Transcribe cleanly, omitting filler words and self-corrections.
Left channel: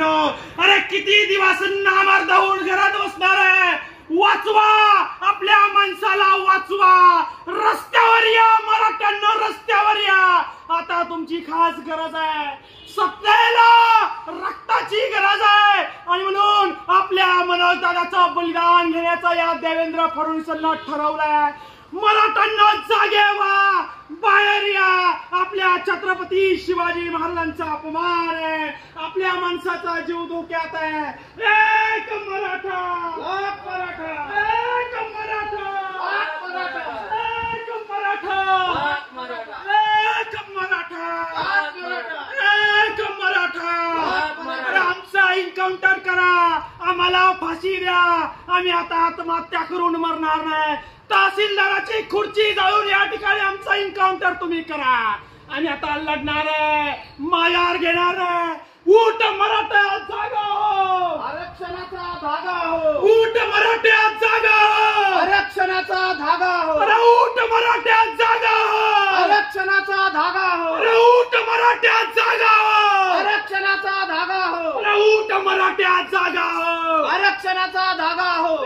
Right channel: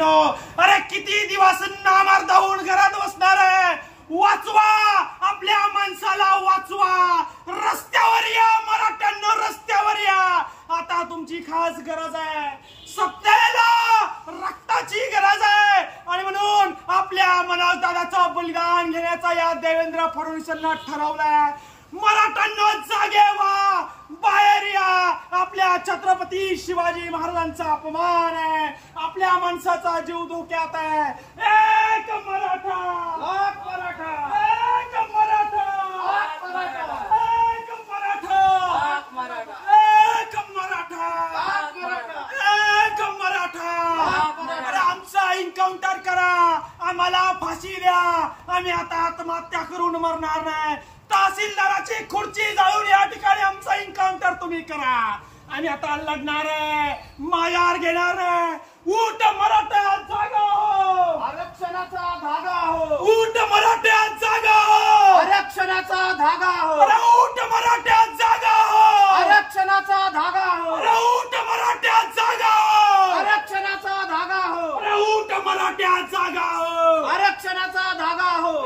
मराठ्यांनो, अरे किती दिवस नामर्द होऊन घरात बसणार आहे? वाचवा, आपल्या माणसाला वाचवा. रस्त्यावर या मराठ्यांनो, रस्त्यावर या. आता तुमची खास गरज आहे, सत्तेला रक्ताची गरज आहे. आणि म्हणून आपल्या मनोजदादाचं बलिदान घेण्याचा या देवेंद्र फडणवीसांना ठरवलंय. मराठ्यांना जागे व्हा, बाहेर या. आपल्या छत्रपती शिवाजी महाराजांचा अपमान आहे, आपल्या माणसाचा जीव धोक्यात आहे. एक मराठा, एक मराठा, एक मराठा, एक मराठा, एक मराठा, एक मराठा, एक मराठा, एक मराठा. अरे आमचा एन्काउंटर करा, आम्हाला फाशी द्या. आम्ही आता आत्महत्या करून मरणार नाही. तहसीलदाराची खुर्ची जाळून या ठिकाणी आमचा एन्काउंटर तुम्ही करा. आम्ही आता लढणार आहे, मायार घेणार आहे. उठ मराठा, जागा हो. आरक्षणाचा धागा हो. उठ मराठा, जागा हो. आरक्षणाचा धागा हो. अरे उठ मराठा, जागा हो. आरक्षणाचा धागा हो. अरे उठ मराठा, जागा हो. आरक्षणाचा धागा हो. अरे उठ मराठा, जागा हो. आरक्षणाचा धागा हो.